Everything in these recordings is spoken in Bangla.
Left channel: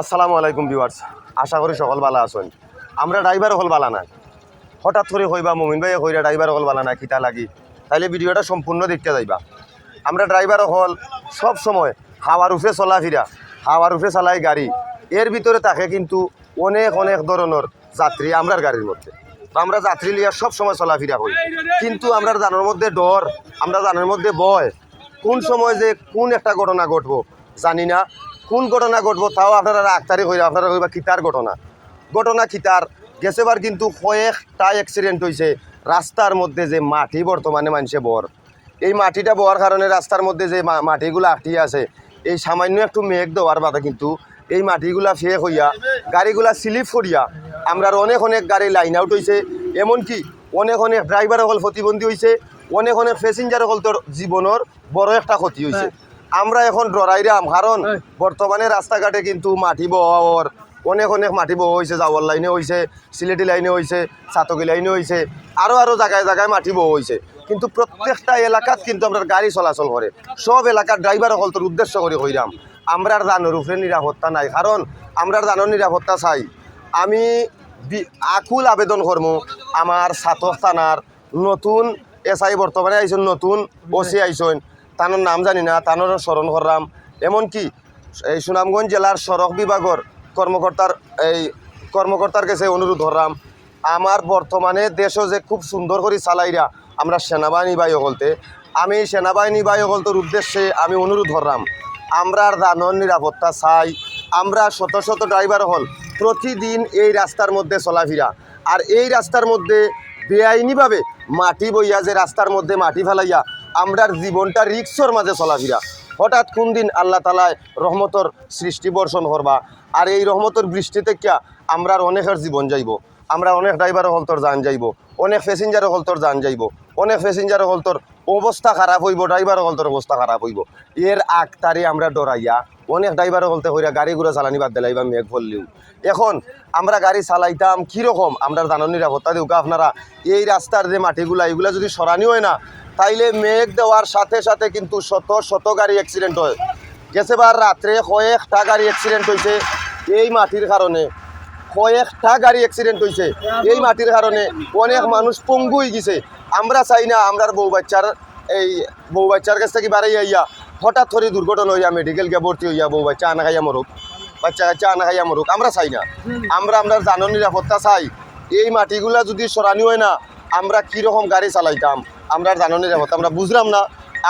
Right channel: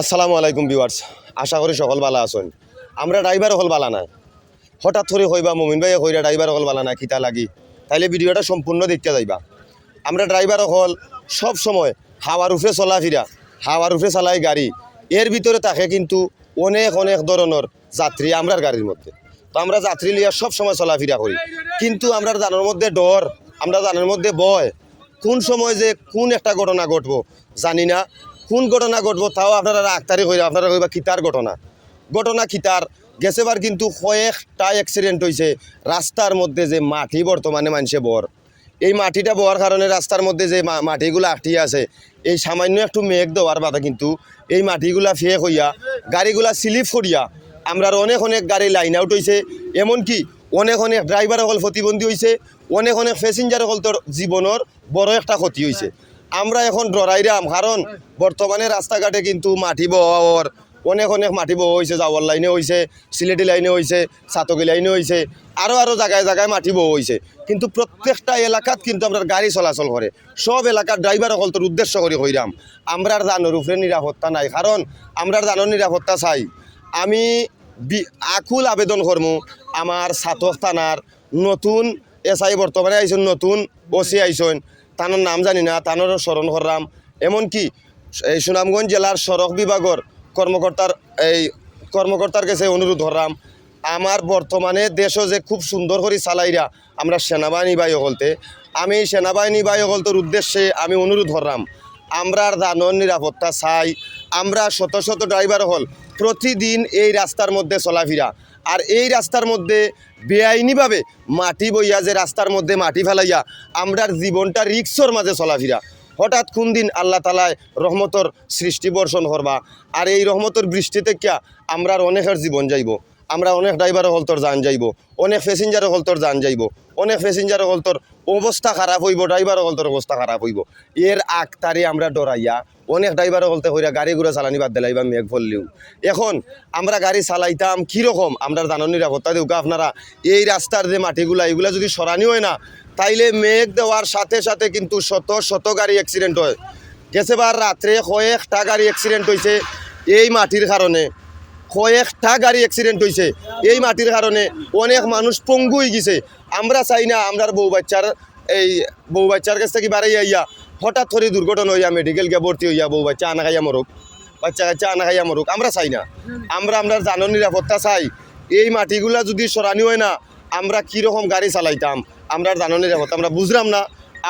আসসালামু আলাইকুম ভিউয়ার্স। আশা করি সকল বালা আছেন। আমরা ড্রাইভার হল বালা নাই। হঠাৎ করে হইবা মমিন ভাই হইরা ড্রাইভার হল বালা নাই খিতা লাগি? তাইলে ভিডিওটা সম্পূর্ণ দেখতে যাইবা। আমরা ড্রাইভার হল সব সময় হাওয়ার উপরে চলাফিরা হাওয়ার উপরে চালাই গাড়ি। এর ভিতরে থাকে কিন্তু অনেক অনেক ধরনের যাত্রী আমরার গাড়ির মধ্যে। তো আমরা যাত্রী লিয়া সব সময় চলাফিরা করি। কিন্তু আমরা জানার মধ্যে ডর, আমরা জানার মধ্যে ভয়। কোন সময় যে কোন একটা ঘটনা ঘটবো জানি না। কোন ঘটনা ঘটবো তাও আপনারা আক্তারি হইলে আপনারা কইবা কিতার ঘটনা। ঘটনা কিতার। গেছেবার কিন্তু কয়েকটা অ্যাক্সিডেন্ট হয়েছে রাস্তার মধ্যে যে মাটি বর্তমানে মানুষে বর। এই মাটিটা বওয়ার কারণে রাস্তার মধ্যে যে মাটিগুলো আটটিয়ে আছে, এই সামান্য একটু মেঘ দেওয়ার বাদা কিন্তু এই মাটিগুলা ফেক হইয়া, গাড়িগুলা স্লিপ করিয়া আমরা অনেক অনেক গাড়ি লাইন আউট হয়েছে এমনকি অনেক অনেক ড্রাইভার হল প্রতিবন্ধী হয়েছে অনেক অনেক প্যাসেঞ্জার হল তোর জীবনের বড় একটা ক্ষতি হয়েছে এখন ডরাইরাম কারণ বর্তমানে রাস্তাঘাটে কিন্তু মাটি বওয়ার অনেক অনেক মাটি বওয়া হয়েছে যাওয়ার লাইনে হয়েছে সিলেটি লাইনে হয়েছে সাতকি লাইনে হয়েছে আরও আরও জায়গায় জায়গায় মাটি বওয়া হয়েছে কিন্তু প্রত্যেকটা এলাকাত কিন্তু আমরা গাড়ি চলাচল করে সব এলাকার ড্রাইভার হলতর উদ্দেশ্য করে হইরাম। আমরার দানোর উপরে নিরাপত্তা নাই কারণ আমরার দানোর নিরাপত্তা চাই। আমি আকুল আবেদন করমু আমার ছাতক থানার নতুন এসআই বর্তমানে আইসন নতুন ওসি আইসন তানোর নাম জানি না তানোর স্মরণ করলাম। এমনকি এই সুনামগঞ্জ জেলার সড়ক বিভাগের কর্মকর্তার এই কর্মকর্তার কাছে অনুরোধ করলাম, আমার বর্তমানে দেশও যে খুব সুন্দর করে চালাইরা আমরা সেনাবাহিনী বায়ু বলতে আমি সেনাবাহিনী বায়ু বলতের উদ্দেশ্যে আমি অনুরোধ করলাম আমরার দানর নিরাপত্তা চাই, আমরা শত শত ড্রাইভার হল প্রতিদিন এই রাস্তার মধ্যে চলাফেরা, আর এই রাস্তার মধ্যে বেআইনিভাবে মাটি বইয়া যে রাস্তার মধ্যে মাটি ফেলাইয়া, আমরার জীবনটা রিক্সর মাঝে চলাফিরা। হঠাৎ কোন দিন আল্লাহ তালায় রহমতর সৃষ্টি বর্ষণ করবা, আর এই রহমতর বৃষ্টিতে কিয়া আমরার অনেকের জীবন যাইব। আমরা অনেক ড্রাইভার হলতর যান যাইব, অনেক প্যাসেঞ্জার হলতর যান যাইব, অনেক প্যাসেঞ্জার হলতর অবস্থা খারাপ হইব ড্রাইভার হলতর অবস্থা খারাপ হইব। এর আগতারে আমরা ডরাইয়া অনেক ড্রাইভারও হলতে হইয়া গাড়ি ঘুরে চালানি বাদ দিলাইবা, মেঘ ফললেও এখন আমরা গাড়ি চালাইতাম কীরকম? আমরা জানার নিরাপত্তা দেউকা আপনারা। এই রাস্তার যে মাটিগুলা, এগুলা যদি সরানি হয় না, তাইলে মেঘ দেওয়ার সাথে সাথে কিন্তু শত শত গাড়ি অ্যাক্সিডেন্ট হয়। গেছেবার রাত্রে কয়েকটা গাড়ি অ্যাক্সিডেন্ট হয়েছে এই মাটির কারণে। কয়েকটা গাড়ি অ্যাক্সিডেন্ট হয়েছে এই মাটির কারণে অনেক মানুষ পঙ্গু হয়ে গেছে। আমরা চাই না আমরার বউ বাচ্চার এই বউ বাচ্চার কাছ থেকে বাড়াই আইয়া হঠাৎ করে দুর্ঘটনা হইয়া মেডিকেল কে ভর্তি হইয়া বউ বাচ্চা আনা খাইয়া মরুক, বাচ্চা কাচ্চা আনা খাইয়া মরুক, আমরা চাই না। আমরা আমরা জানো নিরাপত্তা চাই। এই মাটিগুলা যদি সরানি হয় না, আমরা কীরকম গাড়ি চালাইতাম? আমরা জানো নিরাপত্তা, আমরা বুঝলাম না।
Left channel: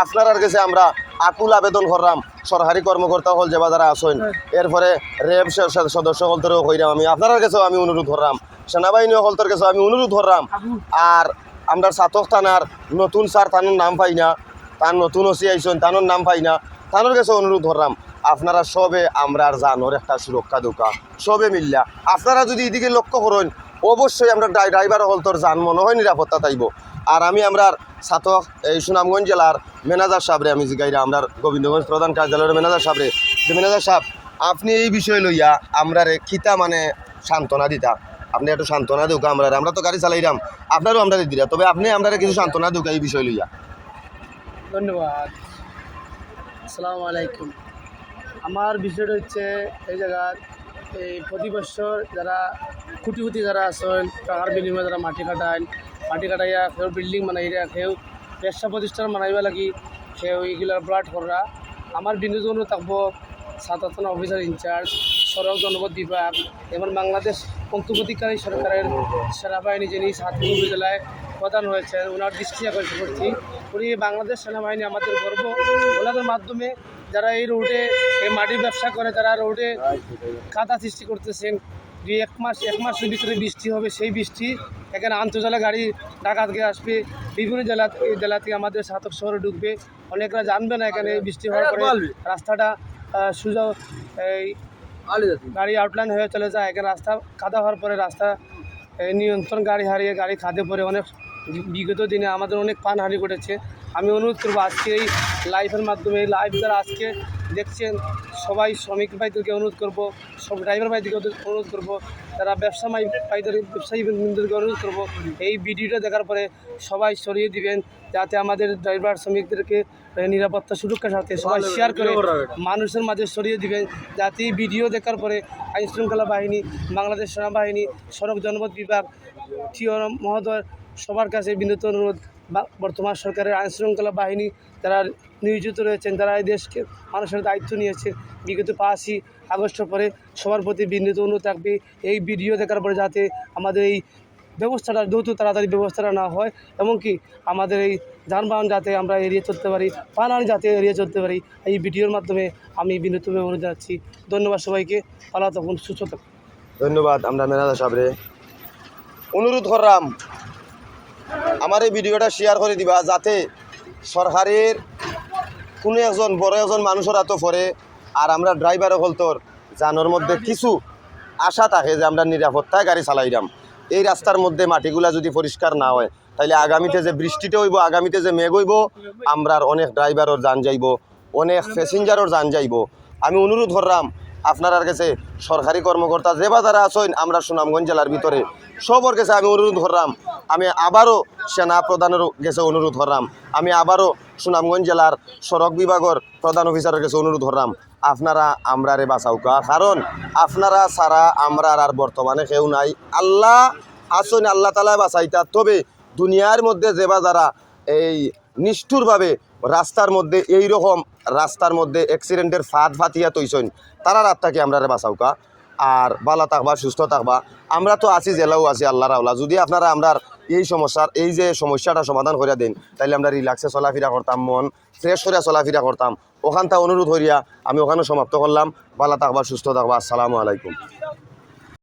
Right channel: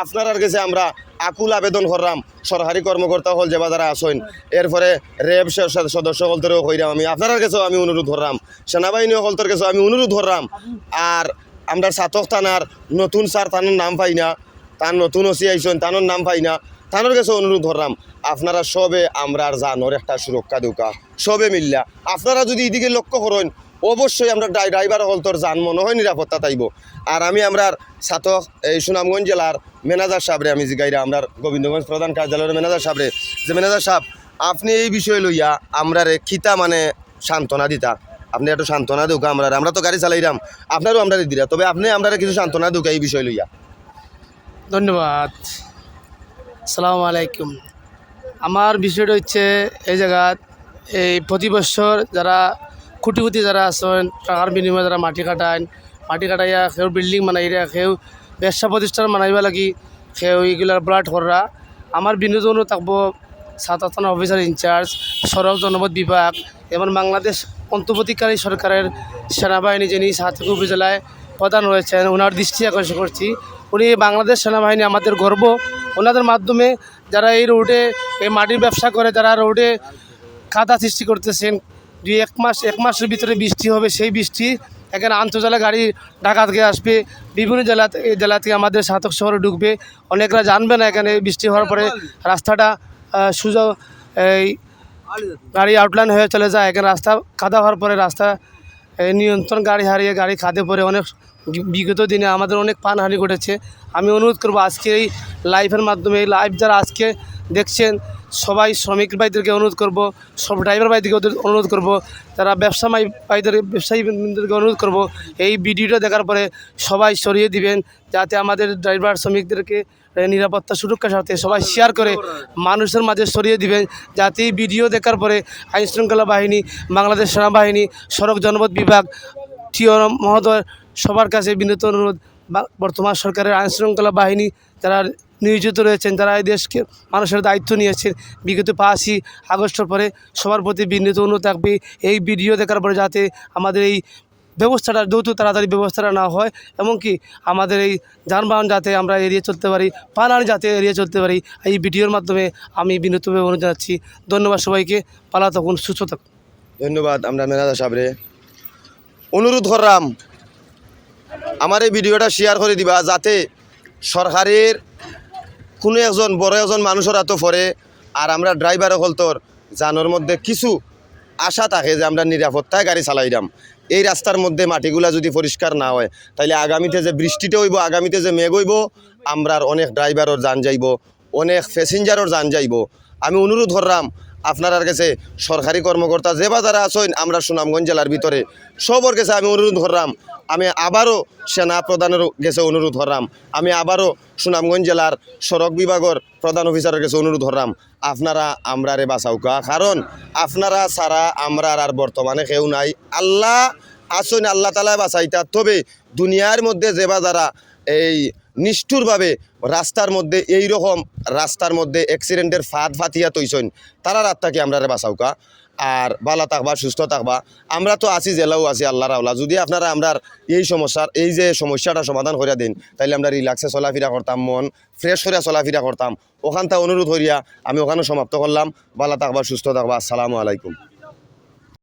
আপনার কাছে আমরা আকুল আবেদন করলাম। সরকারি কর্মকর্তা হল যে যারা আসেন। এরপরে র্যাব সদস্য হলতরেও কইরাম আমি আপনার কাছেও আমি অনুরোধ করলাম। সেনাবাহিনী হলতর কাছেও আমি অনুরোধ করলাম। আর আমরা সাতক থানার নতুন স্যার তানোর নাম পাই না, তার নতুন ওসি আইসন তানোর নাম পাই না তানোর কাছে অনুরোধ করলাম, আপনারা সবে আমরার জানোর একটা সুরক্ষা দৌকা, সবে মিল্লা। আপনারা যদি এদিকে লক্ষ্য করেন, অবশ্যই আমরা ড্রাই- ড্রাইভার হলতর যান মনে হয় নিরাপত্তা তাইব আর আমি আমরার ছাতক এই সুনামগঞ্জ জেলার ম্যানেজার সাহেবরে আমি জিগাইরা আমরা গোবিন্দগঞ্জ প্রধান কার্যালয়ের ম্যানেজার সাহেবরে। যে ম্যানেজার সাহেব, আপনি এই বিষয় লইয়া আমরার খিতা মানে সান্ত্বনা দিতা। আপনি একটু সান্ত্বনা দুকা আমরা আমরা তো গাড়ি চালাইরাম, আপনারও আমরা দিরা। তবে আপনি আমরা কিছু সান্ত্বনা দুকা এই বিষয় লইয়া। ধন্যবাদ। সালাম আলাইকুম। আমার বিষয়টা হচ্ছে এই জায়গাত এই প্রতি বছর যারা খুঁটি খুঁটি যারা আছেন, টাকার বিনিময়ে যারা মাটি কাটায় মাটি কাটাইয়া কেউ বিল্ডিং বানাইরা কেউ ব্যবসা প্রতিষ্ঠান বানাইবা লাগি কেউ এগুলার ব্লাড করা আমার বিনোদন থাকব থানা অফিসার ইনচার্জ সড়ক জনপদ বিভাগ এবং বাংলাদেশ অন্তর্বর্তীকারী সরকারের সেনাবাহিনী যিনি সাতক্ষীরা উপজেলায় প্রধান রয়েছেন ওনার দৃষ্টি আকর্ষণ করছি উনি বাংলাদেশ সেনাবাহিনী আমাদের গর্ব। ওনাদের মাধ্যমে যারা এই রোডে এই মাটির ব্যবসা করে, যারা রোডে কাদা সৃষ্টি করতেছেন, দুই এক মাস, এক মাসের ভিতরে বৃষ্টি হবে, সেই বৃষ্টি এখানে আন্তর্জালা গাড়ি ঢাকা থেকে আসবে। বিভিন্ন জেলা জেলা থেকে আমাদের সাতক শহরে ঢুকবে। অনেকরা জানবে না এখানে বৃষ্টি হওয়ার পরে রাস্তাটা সোজা এই গাড়ি আউটলাইন হয়ে চলে যায়। এখানে রাস্তা কাদা হওয়ার পরে রাস্তা নিয়ন্ত্রণ গাড়ি হারিয়ে গাড়ি খাদে পরে অনেক বিগত দিনে আমাদের অনেক প্রাণহানি ঘটেছে। আমি অনুরোধ করব আজকে এই লাইভের মাধ্যমে এই লাইভ যারা আজকে দেখছেন সবাই শ্রমিক ভাইদেরকে অনুরোধ করব সব ড্রাইভার ভাইদেরকে অনুরোধ করব তারা ব্যবসা ভাইদের ব্যবসায়ী বন্ধুদেরকে অনুরোধ করব এই ভিডিওটা দেখার পরে সবাই সরিয়ে দিবেন যাতে আমাদের ড্রাইভার শ্রমিকদেরকে নিরাপত্তা সুরক্ষার সাথে সবাই শেয়ার করে মানুষের মাঝে সরিয়ে দিবেন যাতে এই ভিডিও দেখার পরে আইন শৃঙ্খলা বাহিনী বাংলাদেশ সেনাবাহিনী সড়ক জনপথ বিভাগ টিও মহোদয় সবার কাছে বিনীত অনুরোধ বা- বর্তমান সরকারের আইন শৃঙ্খলা বাহিনী যারা নিয়োজিত রয়েছেন। যারা এই দেশকে মানুষের দায়িত্ব নিয়েছেন। বিগত পাঁচই আগস্টের পরে সবার প্রতি বিনীত অনুরোধ থাকবে এই ভিডিও দেখার পরে যাতে আমাদের এই ব্যবস্থাটা দ্রুত তাড়াতাড়ি ব্যবস্থাটা না হয় এমনকি আমাদের এই যানবাহন যাতে আমরা এড়িয়ে চলতে পারি, পালানি যাতে এড়িয়ে চলতে পারি, এই ভিডিওর মাধ্যমে আমি বিনীতভাবে অনুরোধ জানাচ্ছি। ধন্যবাদ সবাইকে। পালা তখন সুস্থ থাকুন। ধন্যবাদ, আমরা মেনাদা সাহেবরে। অনুরোধ করলাম, আমার এই ভিডিওটা শেয়ার করে দিবা যাতে সরকারের কোনো একজন বড় একজন মানুষের হাতে পরে আর আমরা ড্রাইভার হলতর জানোর মধ্যে কিছু আশা থাকে যে আমরা নিরাপত্তায় গাড়ি চালাইলাম। এই রাস্তার মধ্যে মাটিগুলা যদি পরিষ্কার না হয় তাহলে আগামীতে যে বৃষ্টিতে হইব, আগামীতে যে মেঘ হইব, আমরার অনেক ড্রাইভারর যান যাইব, অনেক প্যাসেঞ্জারর যান যাইব। আমি অনুরোধ করলাম, আপনার কাছে সরকারি কর্মকর্তা যে বা যারা আছেন, আমরা সুনামগঞ্জ জেলার ভিতরে, সবর কাছে আমি অনুরোধ করলাম আমি আবারও সেনা প্রধানের কাছে অনুরোধ করলাম আমি আবারও সুনামগঞ্জ জেলার সড়ক বিভাগের প্রধান অফিসারের কাছে অনুরোধ করলাম আপনারা আমরারে বাঁচাউকা কারণ আপনারা ছাড়া আমরার আর বর্তমানে কেউ নাই। আল্লাহ আসুন, আল্লাহ তালা বাঁচাইতা তবে দুনিয়ার মধ্যে যেবা যারা এই নিষ্ঠুরভাবে রাস্তার মধ্যে এই রকম রাস্তার মধ্যে অ্যাক্সিডেন্টের ফাঁদ ফাতিয়া তৈছন, তারা রাতটাকে আমরা বাঁচাউকা আর ভালো থাকবা, সুস্থ থাকবা। আমরা তো আছি, জেলাও আছি আল্লাহ রাউলা যদি আপনারা আমরা এই সমস্যার, এই যে সমস্যাটা সমাধান করে দিন তাহলে আমরা রিল্যাক্সে চলাফিরা করতাম, মন ফ্রেশ করে চলাফিরা করতাম। ওখানটা অনুরোধ করিয়া আমি ওখানে সমাপ্ত করলাম। ভালো থাকবা, সুস্থ থাকবা। আসসালামু আলাইকুম।